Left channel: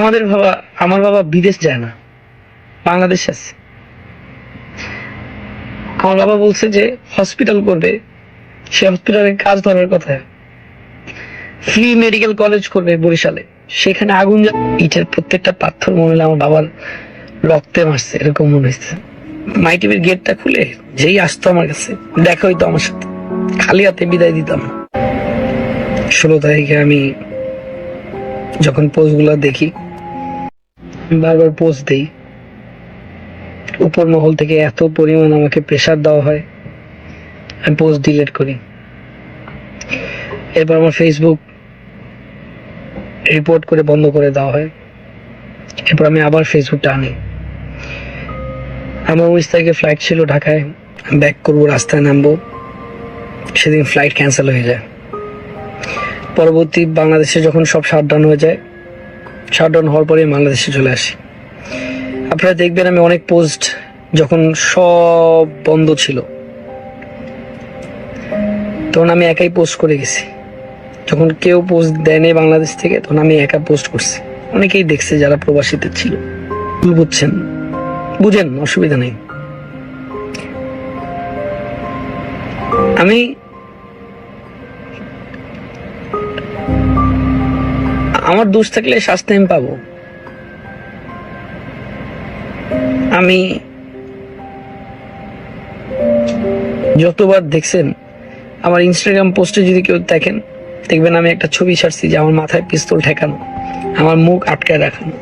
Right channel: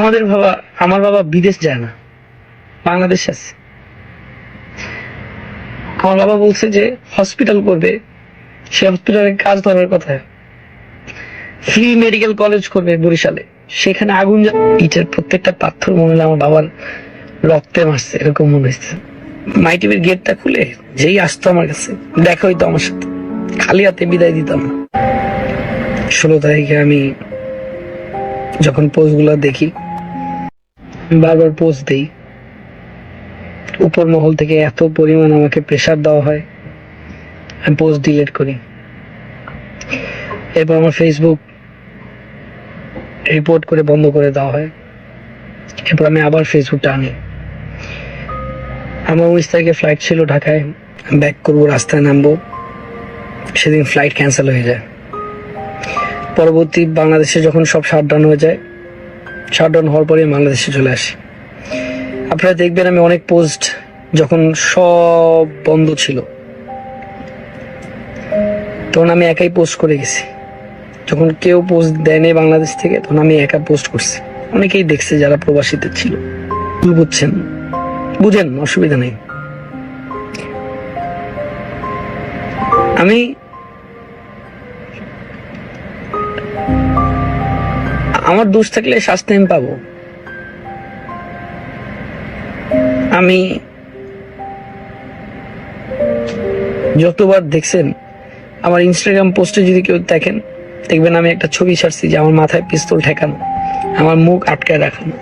আমাদের বাবা, আমার বাবা বিদেশ যায় না। বাংলাদেশ আছে। আমার বাবা বলছে যে হসপিটাল করবে। সে হসপিটালে কাজ ধরার কথা। ফ্রি মেডিকেল কলেজ করবে বরিশালে। সেখানে আগুন ইটের প্রত্যেকটা পাথর মনে আমার বাবার রক্তে মারছে, এরকম মনে হচ্ছে। মাই গেটটা খুলে যেই আসতো আমার কাছে, দেখা হইতো আমার সাথে। খালি হাতে বিদায় দিতাম। ষোলো তারিখে আমি যখন পোস্টগুলো দেখি বারবার পোস্ট দিই। উপর মহল থেকে এত পরিমাণ আমাকে প্রেশার দেওয়া হয়। আমি পোস্ট ডিলিট করি। এরপর আমার ফেসবুক রিপোর্ট করে বন্ধ করে দেওয়া হয়। এরপর আমি আবার ফেসবুকটা আনি আমার উনিশ তারিখে ফ্লাইট ছিল ঢাকায়। ব্যাক করব, রাস্তায় নামবো। সেদিন ফ্লাইট ক্যান্সেল হয়ে যায়। পরবর্তী বাংলাদেশে যখন সব শাটডাউন হয়ে যায় শাটডাউন হওয়ার পরে বাংলাদেশে চলে আসি। আপনারা দেখবেন আমি অনেক পোস্ট যখন সব বন্ধ ছিল। তখন আমি একাই পোস্ট করে গেছি। যখন কেউ পোস্ট দেয়নি বাংলাদেশ থেকে, তখন আমি একা পোস্ট করছি। অনেকেই দেখছে যারা প্রবাসীতে ছিল। কি বুঝছেন? বুঝেন, অসুবিধা নেই। আমি দোষ থাকলে শাস্তি আমি পাবো। আমি যতবার দেখছেন, আমার ইনস্টাগ্রাম পোস্টে যদি কেউ দেখেন, দেখবেন আমি একটা ছবি ছাড়ছি যে আমার মাথায় পিস্তল ঠেকানো, আমার মুখ আটকায় রাখানো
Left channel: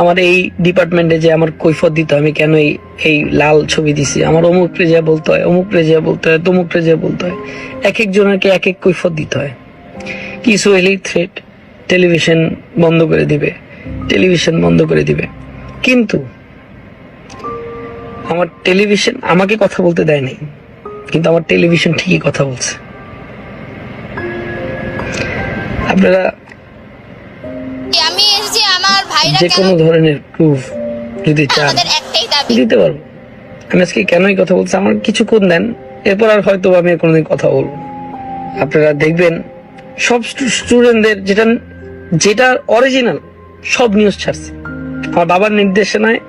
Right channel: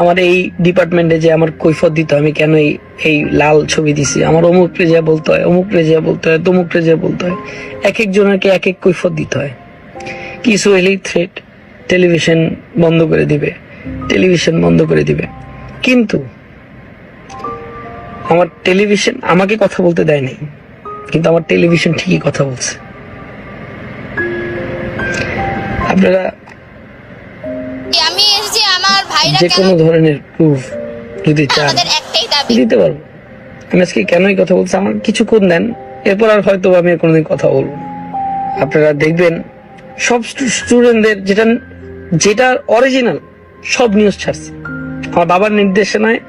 আমার এই ডিপার্টমেন্টে যে আমার কৈফত দিত, আমি কেন এই এই লাল ছবি দিছি? আমার অমুককে যে বলতে হয় অমুককে যে বলতে হয় তমুককে যে বলতে হয় এক একজনকে এক এক কৈফত দিতে হয়। কিছু এলেই থ্রেট টেলিভিশন বন্ধ করে দিবে। টেলিভিশন বন্ধ করে দিবে। কিন্তু আমার টেলিভিশন আমাকে কথা বলতে দেয়নি। কিন্তু আমার টেলিভিশন ঠিকই কথা বলছে। আপনারা আমি এসেছি আমার ভাইরা যে কোনো ধরনের প্রুফ যদি চান দিতে পারব। আমি আজকে কেনই কথা বলছি আমার কিছুক্ষণ দেন এরপর আর হয়তো আমি কোনোদিন কথা বলব আপনারা দেখবেন সব স্টুডেন্টদের যেটা যেটা অরিজিনাল সব নিউজ ছাড়ছে। আমার বাবার নির্দেশনায়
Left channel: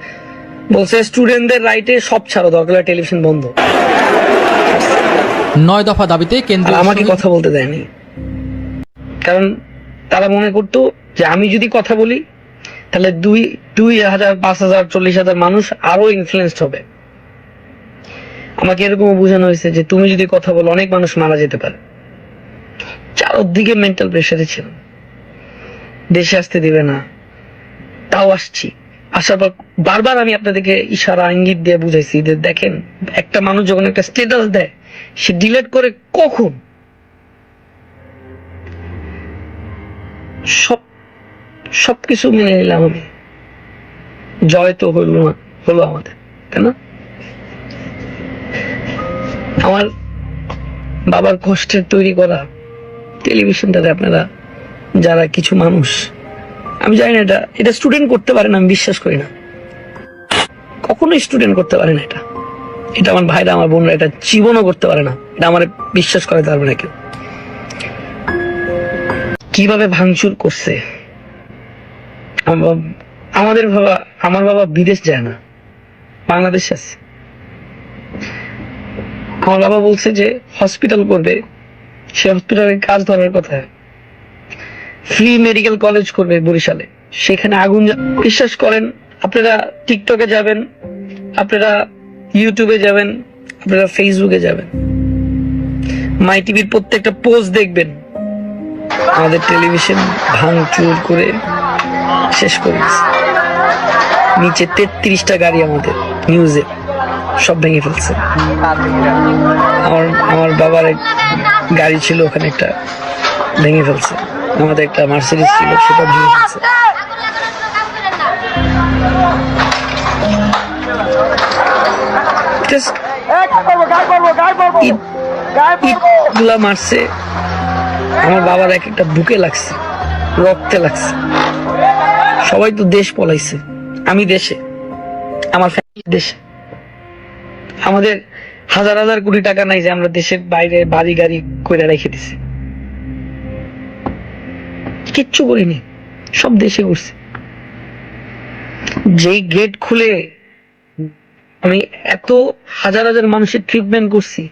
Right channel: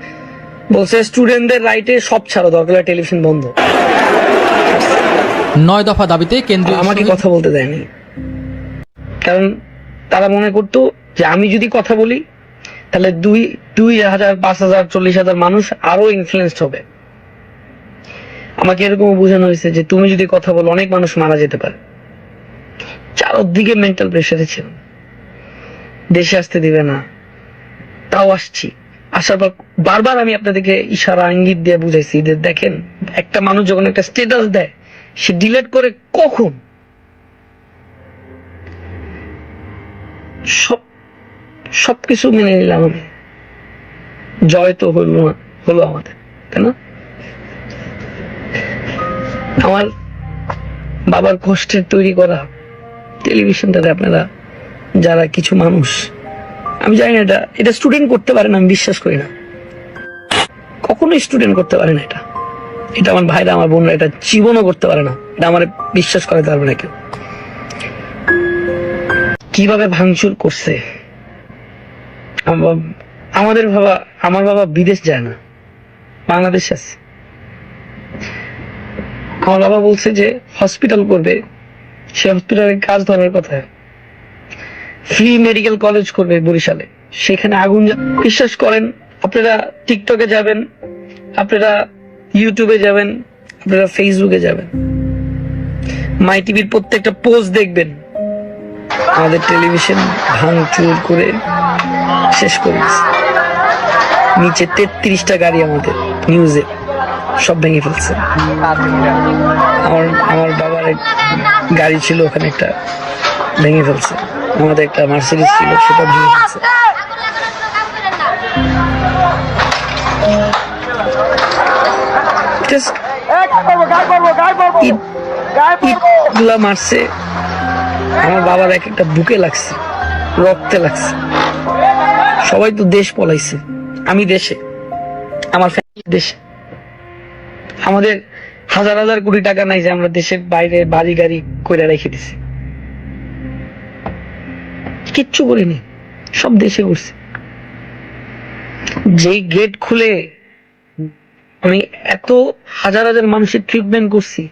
বলছে স্টুডেন্টদের রাইটে সব ছাড়ো দরকার টেলিভিশন বন্ধ। নয় দফা দাবিতে আর কেন্দ্রীয় আমাকে কথা বলতে দেয়নি। কারণ তারা মনে করতো যে আমি যদি কথা বলি তাহলে দুই দুই হাজার পাঁচ হাজার চল্লিশ হাজার মানুষ আরও ইনফ্লুয়েসড হবে। আমাকে এরকম বোঝানো হয়েছে যে তুমি যদি কথা বলো অনেক মানুষ মারা যেতে পারে। চারদিকে মেন্টাল প্রেশারে ছিল দেশে আসতে দিবে না। তাও আসছি। আসার পর বারবার আমি আপনাদেরকে ইশারা, ইঙ্গিত দিয়ে বুঝাইছি যে দেখেন, একটা মানুষ যখন একটা স্টেটাস দেয়, সে ডিলেট করে কখন? সব, সবকিছু মেনে নিলাম আমি। জয় তো হইল না, হলো আমাদের, তাই না? আমার বাবার কষ্টের তৈরি করা টেলিভিশনটা দেখবে না। যারা কিছু মানুষ। আমি জানি না এটা এটা স্টুডেন্ট করতে পারে না, আমি বিশ্বাস করি না। কখনোই স্টুডেন্ট করতে পারে না এটা। এটা আমার ভাইরা, আমার বোনরা, এটা জীবনও করতে পারে না। এটা আমার বিশ্বাস করাতে পারবে না কেউ। কীভাবে ভাঙচুর করছে? আমাদের বাবা, আমার বাবা বিদেশ যায় না। বাংলাদেশ আছে। আমার বাবা বলছে যে হসপিটাল করবে। সে হসপিটালে কাজ ধরার কথা। ফ্রি মেডিকেল কলেজ করবে বরিশালে। সেখানে আগুন বিশ্বাস করেন, আপনারা টিকটকে যাবেন, আপনারা ইউটিউবে যাবেন, আপনারা ফেসবুকে যাবেন। মাই টিভির প্রত্যেকটা পোস্ট দেখবেন। আমাদের টেলিভিশন ভাঙচুর করে শেষ করে নিচে তেত্রিশটা গাড়ি আমাকে নিউজে সব ভেঙে ফেলছে। আমার বাবার গাড়ি ছিল ওখানে একটা, ভেঙে ফেলছে। আমাদের একটা মার্সিডিস ছিল, সেটা ভেঙে মারছে। আমার বাবার এক একটা বুকে লাগছে, রক্তে লাগছে। সবাই তো দেশ পলাইছে। আমি দেশে, আমার ফ্যামিলি দেশে। আমাদের হাজার হাজার কোটি টাকা নাই যে আমরা দেশের বাইরে বাড়ি গাড়ি করে রেখে দিছি। কিচ্ছু করিনি সব দেশে উঠছে যেই গেট খুলে আমি এত হাজার হাজার মানুষের ট্রিটমেন্ট করছি,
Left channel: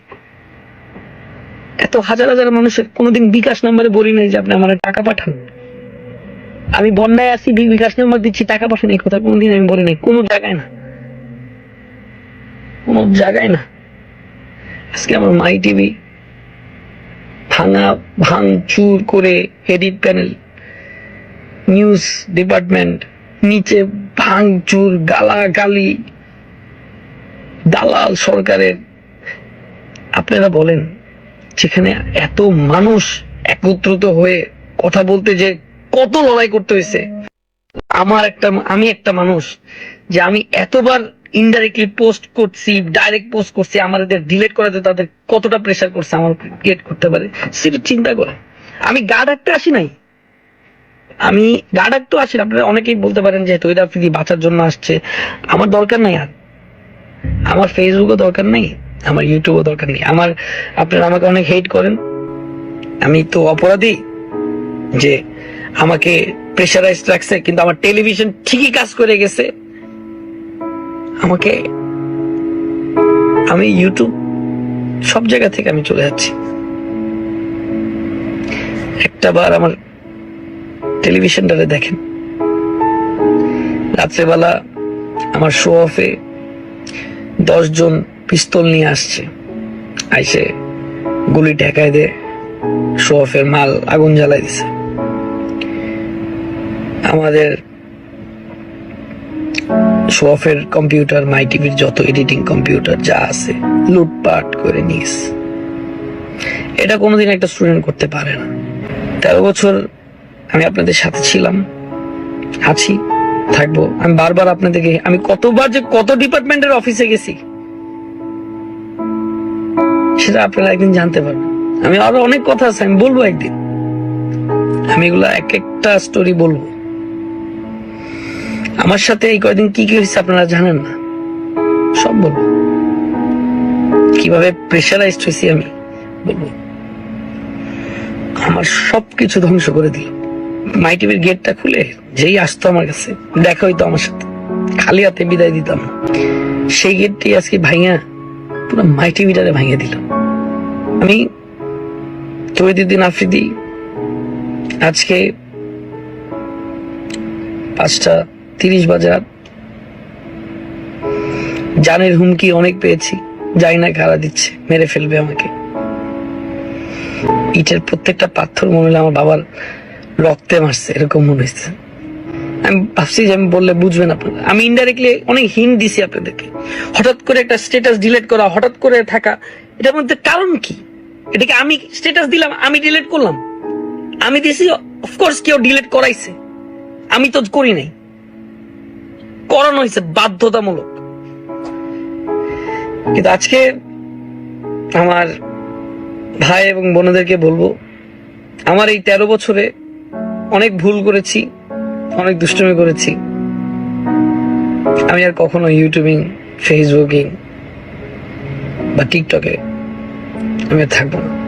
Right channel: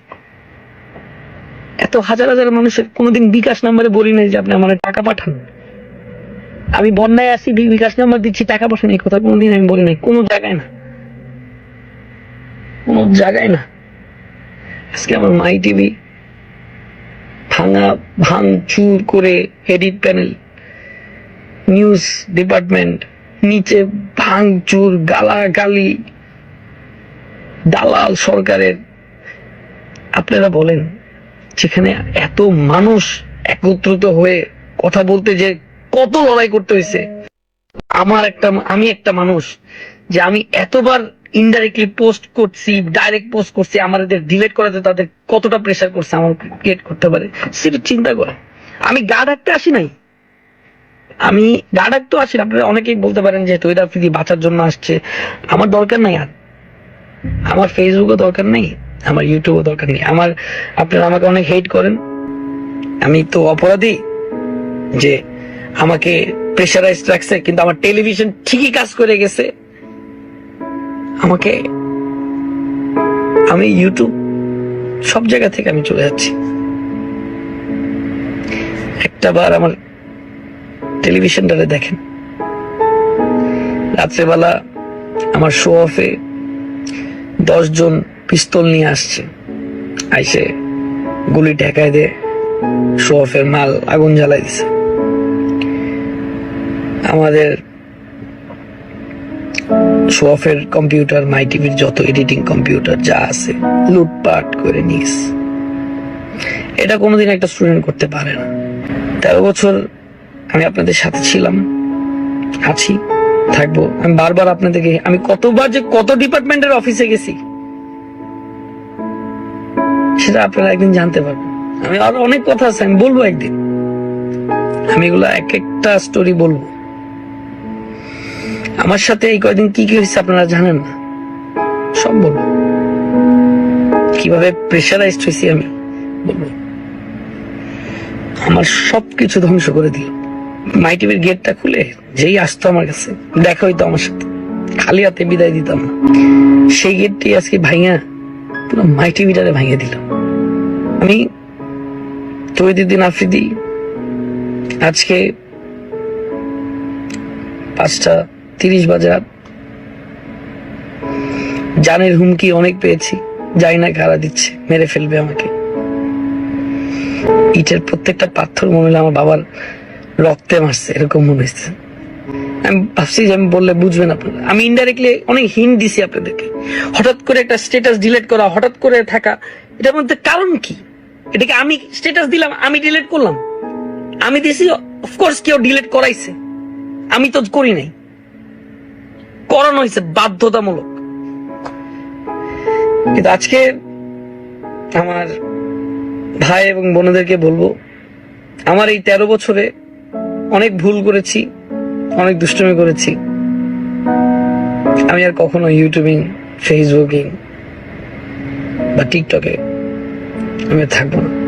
এত হাজার হাজার মানুষের কোনোদিন বিকাশ নাম্বারে বলি নাই যে আপনি আমার টাকা পাঠান। আমি বন্যায় আছি বিকাশ নাম্বার দিচ্ছি, টাকা পাঠান, এই কথা কোনোদিন আমি বলি নাই, কোনো জায়গায় না। কোনো জায়গায় না। আজকে আমার মাই টিভি ভাঙা ভাঙ চুর করে এডিট প্যানেল নিউজ ডিপার্টমেন্ট, নিচে ভাঙচুর, গালাগালি, দালাল সরকারের। আপনারা বলেন, যেখানে এত মানুষ একত্রিত হয়ে কথা বলতে যে কত লড়াই করতে হয়েছে। আমার একটা আমি একটা মানুষ যে আমি এতবার ইনডাইরেক্টলি পোস্ট করছি ডাইরেক্ট পোস্ট করছি, আমাদের ডিলেট করাতে তাদের কতটা প্রেশার করছে আমার ক্রিয়েট করতে পারে, সেটা চিন্তা করে। আমি গা ডাকতে আসি নাই। আমি গা ডাকতেও আসি। আপনারা অনেকেই বলতে পারেন যে তৈরা ফ্রি বাঁচার জন্য আসছে। আমার দরকার নাই আর। আমার ফেসবুকও দরকার নেই, আমার ইউটিউবও দরকার নেই। আমার, আপনারা আমাকে অনেক হেট করেন। আমি তো অপরাধী যে আমাকে প্রেশারাইজ রাখছে, কিন্তু আমার টেলিভিশন ঠিকই কাজ করে গেছে। আমাকে, আমি ইউটিউব সব জায়গা থেকে আমি চলে যাচ্ছি। একটা বার আমার টেলিভিশনটাতে দেখেন। রাত্রেবেলা আমার শো অফে দশজন পিস্তল নিয়ে আসছে। আইসে গুলি টেকায় দে শো অফের মাল আগুন জ্বালাই দিছে। আমাদের শো অফের কম্পিউটার মাই টিভির যত এডিটিং কম্পিউটার যা আছে, লুটপাট করে নিস এটা কোনোদিন একটা স্টুডেন্ট করতে পারে না। তেরো বছর আমি আপনাদের সাথে ছিলাম। আছি থাকব। আমি বারবার আপনাদেরকে আমি কতবার যে কত ডিপার্টমেন্টের অফিসে গেছি, সেটা আপনারা একদিন জানতে পারবেন। আমি আরও অনেক কথা আছে, আমি বলব একদিন। আমি এগুলো এক একটা স্টোরি বলব। আমার সাথে এই কয়দিন কি কি হয়েছে আপনারা জানেন না? সব বলব। কীভাবে প্রেশারাইজড হয়েছি আমি। আমার সবকিছু ধ্বংস করে দিল। মাই টিভির গেটটা খুলে যেই আসতো আমার কাছে, দেখা হইতো আমার সাথে। খালি হাতে বিদায় দিতাম। সেই গেটটি আজকে ভাইয়া পুরো মাই টিভিটারে ভাইয়া দিল। আমি তৈরিদিন আফ্রিদি, আজকে পাঁচটা তিরিশ বাজার জানের হুমকি অনেক পেয়েছি, যাই না কারা দিচ্ছে, মেরে ফেলবে আমাকে। ইটের প্রত্যেকটা পাথর মনে আমার বাবার রক্তে মারছে এরকম মনে হচ্ছে আমি ভাবছি যে আমি বললে আমি ইনডাইরেক্টলি অনেক দিছি আপনাদেরকে। হঠাৎ করে একটা স্ট্যাটাস করা, হঠাৎ করে থাকা, এটার মধ্যে কারণ কি? এটাকে আমি স্ট্যাটাস দিলাম, আমি করলাম। আমি দিছি অফকোর্স কেউ করাইছে। আমি তো করি নাই। হয়েছে বাধ্যতামূলক। কিন্তু আজকে আমার ভাই এবং বোনদেরকে বলব, আমার এই তেরো বছরে অনেক ভুল করেছি, অনেক দুষ্টমি করেছি। আমি আর কখনো ইউটিউবিং, ফেসবুকিং বা টিকটকে আমি থাকব না।